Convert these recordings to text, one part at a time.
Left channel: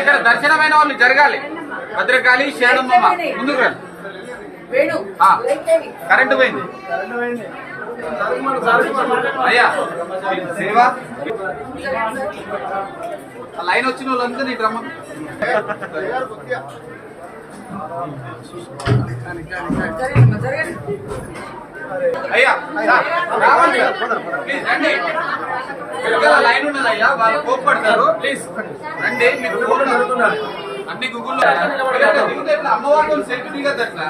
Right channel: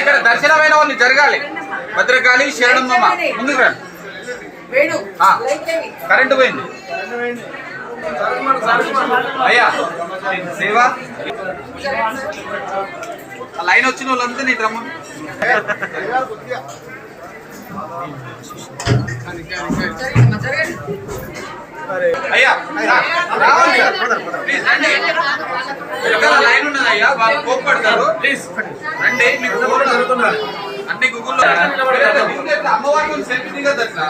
ఇక్కడ దర్శనమైన వాళ్ళు జరగాలి. భద్రకాళి శరణమ్మ ముందుకు రండి. కరెంటు పోయింది. అయ్యా లైన్ వచ్చిన వాళ్ళంతా నీ రమ్మ అయ్యా రావాలి. ప్లీజ్ రండి. ఇక్కడ లైన్ ఉన్నది అయ్యా వాళ్ళు కోప్పడతారు. ప్లీజ్ రండి మీకు ఫోన్ జరుగుతున్నారు. అన్ని గూగుల్లో సెల్ఫీ అట్లా?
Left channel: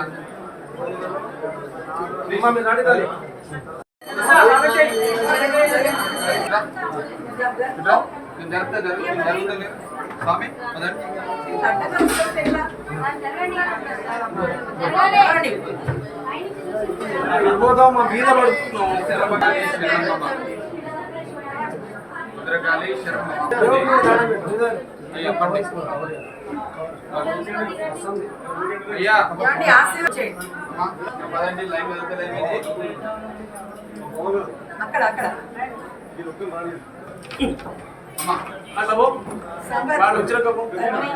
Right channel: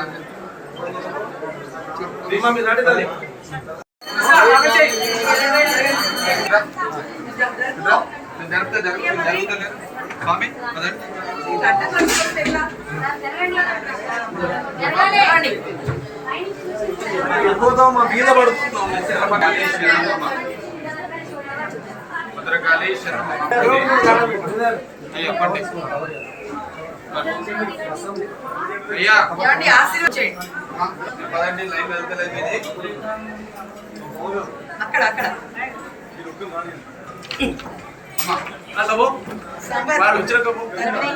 స్వామి పదండి జరగాలి శరణమకాళి శరణమ్మ భద్రకాళి శరణమ్మ అయ్యా పండి అయ్యా. పదండి లైన్ వెళ్తలేదు ఇది అక్కడ అక్కడ. అమ్మా సంపత్ తరుణి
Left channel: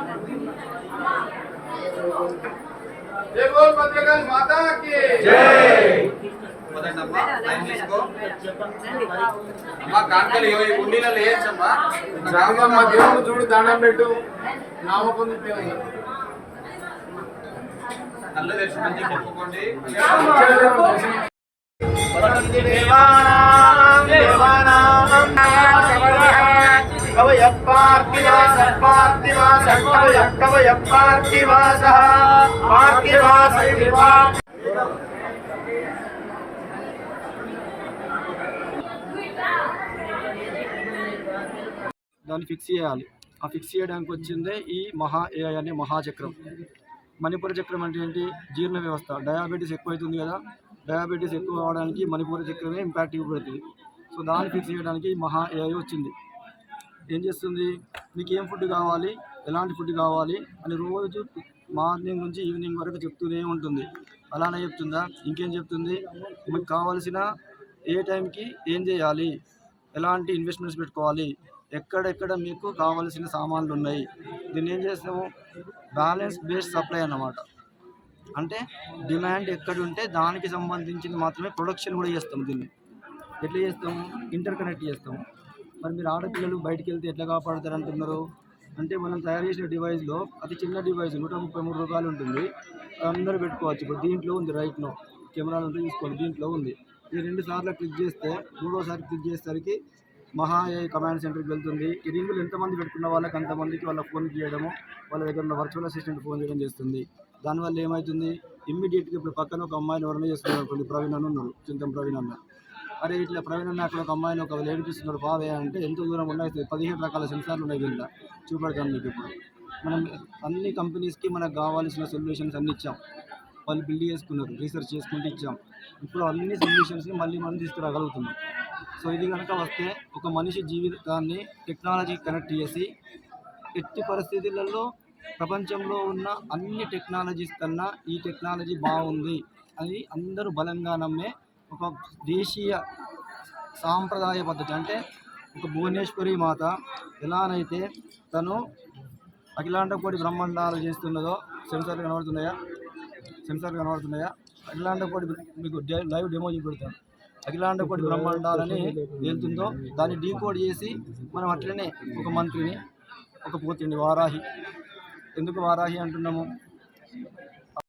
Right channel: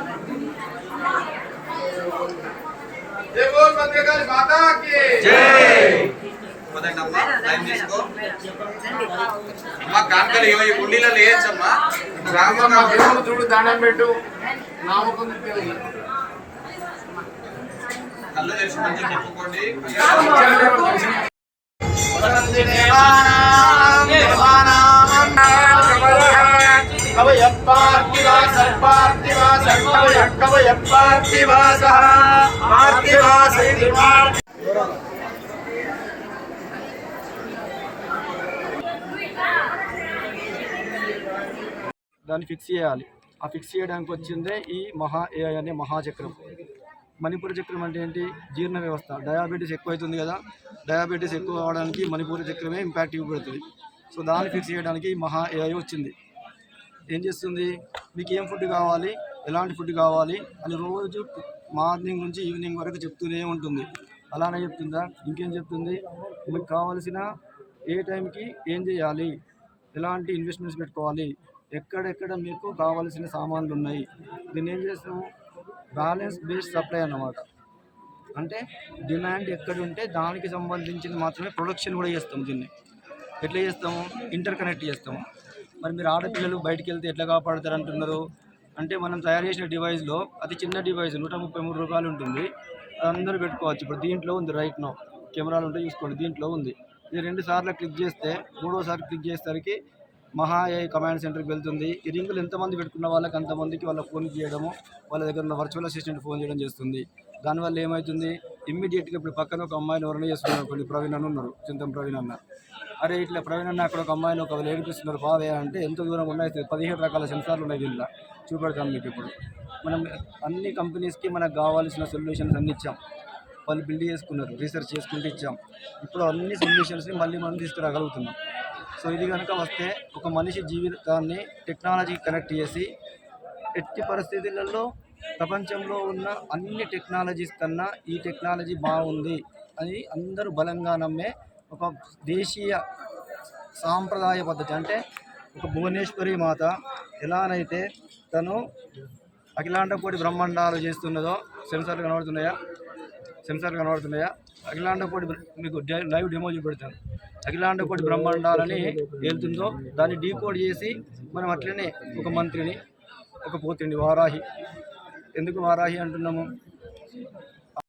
జై బోల్ భద్రకాళి మాతా కి జై పదండి అమ్మా లైన్ తీసుకో. అమ్మా కాంకలు ఈ గుండీలలో వేయచ్చమ్మా రామ చూడు దండం పెట్టు. నామకుంది దేవుడు కళ్ళు మంచిగా చెప్పుకోండి. దాన్ని ఫిక్స్ చేయాలి. ఆ ఫిక్స్ చేయడానికి వచ్చిందే ఈ మహా ఏ అనే మహాచక్రం. మణిపూరి చక్రం అంటే ఏంటి? జీర్ణ వ్యవస్థ. డయాబెటీస్ ఎక్కువ అవుతుంది కదా డయాబెటీస్ ఎక్కువ అవడానికి మణిపూరి చక్రమే ఇంపాక్ట్ ఇవ్వబడుతుంది సో దాన్ని ఫిక్స్ చేయడానికి మహా ఏఐ వచ్చింది. ఏం చేస్తుంది? మీకు ఏం ఫుడ్ కావాలి? ఎలాంటి ఫుడ్ కావాలి? అని రోజు మార్నింగ్ నుంచి ఈవినింగ్ వరకు చెప్తూనే ఉంటుంది. అలానే చెప్తుందా? ఇంకేం చెప్తుంది? మీకు కావాల్సిన ఏ టైంకి ఏం చేయాలి? ఎలాంటి ఇన్వెస్ట్మెంట్స్ పెట్టుకోవాలి? ఎక్కడెక్కడ మీకు కావాల్సిన సామాన్లు ఉన్నాయి? దీన్ని ఏం చేస్తాము? బ్యాలెన్స్ బేస్డ్ సప్లై అన్నమాట. అంటే డిమాండ్ ఎక్కడ ఉంటే దానికి సంబంధించింది మాత్రమే ప్రొడక్షన్ కూడా చేస్తాము దీన్ని. ఎట్లా చేస్తాము? ఇంటర్ కనెక్ట్ చేస్తాము. మరి మీరు ఆడపిల్లలు బయటికి వెళ్తే ఎట్లా కాపాడతారు అంటున్నారు అంటే మనం తయారు చేసిన డివైస్లో అతి చిన్న డివైస్ నూట ముప్పై మూడు రూపాయలు ఉంటుంది. అది అందరూ పెట్టుకోవచ్చు. ఇప్పుడు దీంట్లో ఉంది రైట్ నో. కెమెరాలు ఉంటే చూసుకోండి. దీంట్లో ఉంది. ఇది రెండు సార్లు క్లిక్ చేస్తే మూడోసారి క్లిక్ చేసేసరికి మహా ఏఐ కమాండ్ సెంటర్కి వెళ్తుంది. ఈ రింగులు ఎంతమంది పెట్టుకున్న వాళ్ళకి అంతమందికి వాళ్ళ ఫోన్ చేయడము వాళ్ళ దగ్గర ఉన్న వర్చువల్ అసిస్టెంట్ ఫోన్ చేయడం చేస్తుంది. దానివల్ల ఏమవుతుంది ఇమ్మీడియట్గా ఇప్పుడు పక్కన ఒక అమ్మాయిని ఎవరైనా చేస్తున్నారు కొన్ని ప్రవీణ్ అని ఉన్నారు చింతం ప్రవీణ్ అన్న. అరే ఇట్లా ప్రవీణ్ అన్న అక్కడ ఒక అమ్మాయిని ఒక ఏడిపిస్తున్నారు పావే అంటే ఎంత దూరం ఉన్నాయి పదిహేడు రకాల సెన్సార్లు ఉన్నాయి దీంట్లో చూపెడతాను మీకు ఇప్పుడు. మనం అన్ని కంపెనీస్కి మనకు కావాల్సిన సొల్యూషన్స్ అన్ని ఇచ్చాం. వాళ్ళు బిల్డ్ చేసుకున్నారు రీసెర్చ్ చేసుకుంటూ ఇచ్చాం. ఇప్పుడు అన్ని సొల్యూషన్స్ని మళ్ళీ మనం తీసుకురాగలుగుతున్నాం. సో ఇది కనుక వస్తే ఒక మనిషి జీవితాన్ని టెక్నాలజీకి కనెక్ట్ చేసి ఎట్టి పరిస్థితులలో ప్రపంచంలో ఉన్న అన్ని టెక్నాలజీస్ కన్నా ఈ టెక్నాలజీ బాగుంది అని అందరూ బలంగా నమ్మే ఒక దేశీయ సాంప్రదాయ పద్ధతి. అంటే ఒక భువనేశ్వరి మాత ఎలానైతే తను అఖిలాండకోటి బ్రహ్మాండాలు చేస్తున్నదో సెన్సార్లు కనబడుతున్నాయా? సెన్సార్లు కనబడుతున్నాయా? అఖిలాండకోటి మీకు లైవ్ డెమో చూపెడతాను. అఖిలాండ కోటి బ్రహ్మాండాలని వెళ్తుందో దాన్ని డీకోడ్ చేసి మనం అట్లనే ఒక మంత్రిని ఒక పోతిండి వారాహి. ఎందుకు వారాహి అంటున్నాము?